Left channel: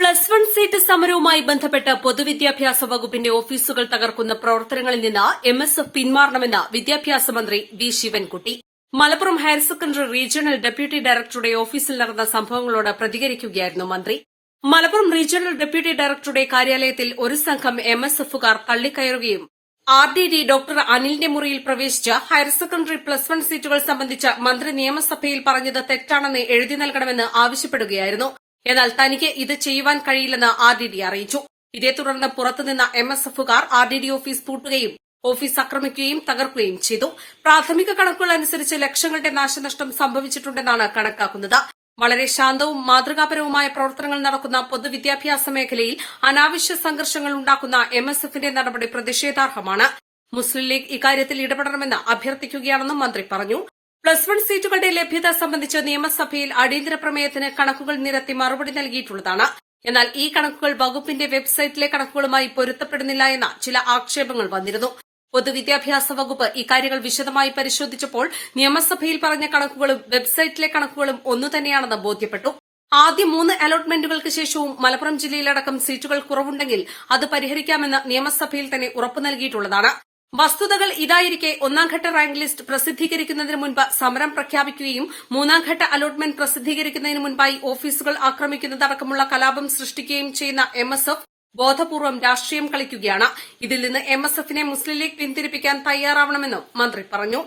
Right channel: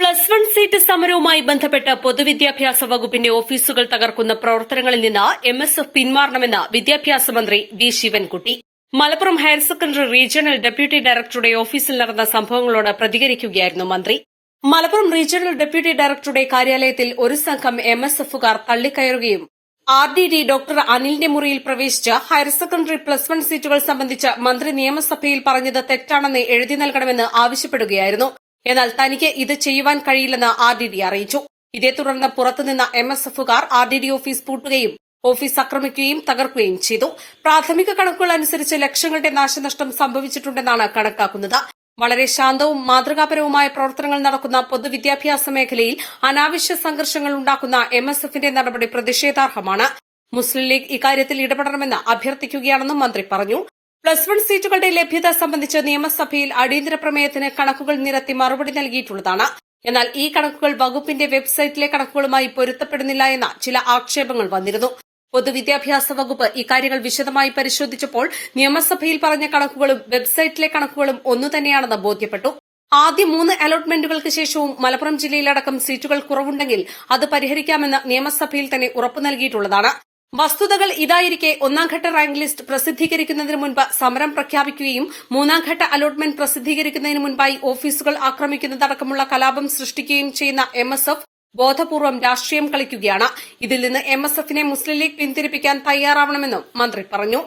+1 seat സമരവുമായി ബന്ധപ്പെട്ട് പൊതുവിദ്യാഭ്യാസ വകുപ്പിന്റെ ഓഫീസുകൾ തകർക്കുന്ന പ്രവർത്തനങ്ങളിൽ നിന്ന് MSF പിന്മാറണമെന്ന് വിദ്യാഭ്യാസ മന്ത്രി V Sivankutty. Malappuram higher secondary regional deputy ഡയറക്ടറുടെ ഓഫീസിൽ നടന്ന സംഭവങ്ങളോട് പ്രതികരിക്കുകയായിരുന്നു മന്ത്രി. മലപ്പുറം റീജിയണൽ ഡെപ്യൂട്ടി ഡയറക്ടറുടെ കാര്യാലയത്തിൽ ഒരു സംഘം MSFകാർ തള്ളിക്കയറുകയും RDD ഡോക്ടർ അനിലിന്റെ മുറിയിൽ പ്രവേശിച്ച് ഹയർ സെക്കൻഡറി +1 സീറ്റുകൾ സംബന്ധിച്ച് മന്ത്രി നിയമസഭയിൽ പറഞ്ഞത് തെറ്റാണെന്ന് എഴുതി നൽകണമെന്ന് ആവശ്യപ്പെടുകയായിരുന്നു. എന്നാൽ തനിക്ക് ഇത് ചെയ്യുവാൻ കഴിയില്ലെന്ന് RDD അറിയിച്ചു. ഇതേ തുടർന്ന് പുറത്തുനിന്ന MSFകാർ RDD ഓഫീസ് പൂട്ടുകയും ഓഫീസ് ആക്രമിക്കുകയും തകർക്കുകയും ചെയ്തു. പ്രാഥമിക കണക്കുകൾ അനുസരിച്ച് ലക്ഷങ്ങളുടെ നാശനഷ്ടം സംഭവിച്ചിട്ടുണ്ടെന്നാണ് കണക്കാക്കുന്നത്. വളരെ ശാന്തവും മാതൃകാപരവുമായ പ്രവർത്തനങ്ങൾ നടക്കുന്ന പൊതുവിദ്യാഭ്യാസ മേഖലയിൽ അനാവശ്യ സംഘർഷങ്ങൾ ഉണ്ടാക്കുന്ന MSFന്റെ നടപടി പ്രതിഷേധാർഹമാണ്. മുസ്ലിം ലീഗ് ഇക്കാര്യത്തിൽ ഇടപെടണമെന്ന് അഭ്യർത്ഥിക്കുകയാണെന്നും മന്ത്രി പറഞ്ഞു. +1 സീറ്റുകളുടെ ലഭ്യത സംബന്ധിച്ച് നിയമസഭയിൽ അടിയന്തര പ്രമേയത്തിന് കണക്കുകൾ നിരത്തി മറുപടി നൽകിയിട്ടുള്ളതാണ്. എന്നാൽ ഈ കണക്കുകൾ വകുപ്പിന്റെ വെബ്സൈറ്റിലെ കണക്കുകളുമായി പൊരുത്തപ്പെടുന്നില്ല എന്ന ചില ആക്ഷേപങ്ങൾ വന്നിരുന്നു. പൊതുവിദ്യാഭ്യാസ വകുപ്പ് ഇക്കാര്യങ്ങൾ വിശദമായി പരിശോധിച്ചപ്പോൾ നിയമസഭയിൽ പറഞ്ഞ കണക്കുകളും വെബ്സൈറ്റിലെ കണക്കുകളും ഒന്നുതന്നെയാണെന്ന് ബോധ്യപ്പെട്ടു. ആദ്യ 3 അലോട്ട്മെന്റുകൾക്ക് ശേഷവും മലപ്പുറം ജില്ലയിലടക്കം സീറ്റുകൾ കുറവുണ്ടെങ്കിൽ അത് പരിഹരിക്കാമെന്ന് നിയമസഭയിൽ തന്നെ ഉറപ്പു നൽകിയിട്ടുള്ളതാണ്. വസ്തുതകൾ ഇതായിരിക്കെ ഒന്നാംഘട്ട റാങ്ക് ലിസ്റ്റ് പ്രസിദ്ധീകരിക്കുന്നതിന് മുൻപ് സമരം പ്രഖ്യാപിക്കുകയും മൂന്നാംഘട്ട അലോട്ട്മെന്റ് പ്രസിദ്ധീകരിക്കുന്നതിന് മുൻപായി ഓഫീസുകൾ ആക്രമിക്കുന്നതടക്കമുള്ള കലാപം സൃഷ്ടിക്കുകയും ചെയ്യുന്ന MSF ബോധപൂർവം രാഷ്ട്രീയം കളിക്കുകയാണ്. ഇതിൽ നിന്ന് MSFനെ മുസ്ലിം ലീഗ് പിന്തിരിപ്പിക്കാൻ തയ്യാറാവണമെന്നും മന്ത്രി പറഞ്ഞു.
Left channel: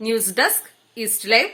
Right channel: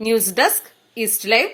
News desk east live.